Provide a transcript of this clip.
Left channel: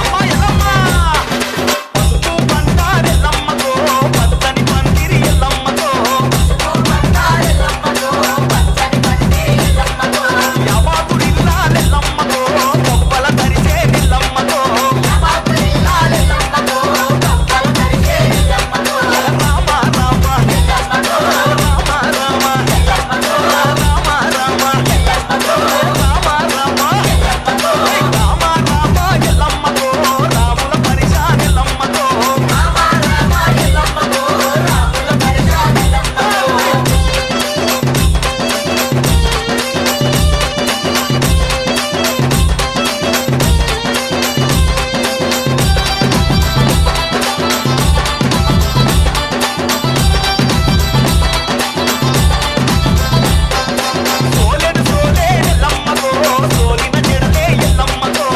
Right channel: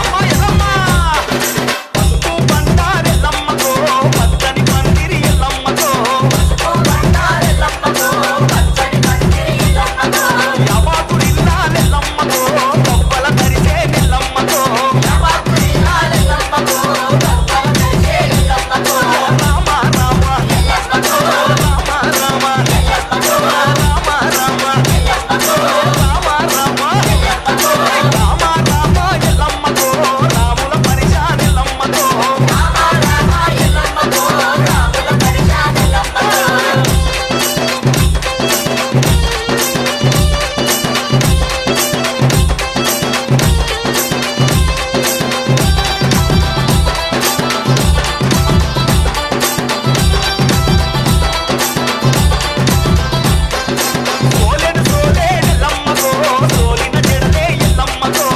అమ్మ ఎల్లమ్మ పసుపు బండారెల్లమ్మకో పచ్చని పందిరి ఎల్లమ్మకో యాబాతురిల్లాలెల్లమ్మకో కొవ్వల తరిసే నిల్లమ్మకో రామ రామ రామ రామ రామ రామ రామ రామ రామ రామ ఎల్లమ్మకో రాముల పరిశాన్ ఎల్లమ్మకో సోలెడు సోలేడెల్లమ్మకో సోలిన జడలే ఎల్లమ్మకో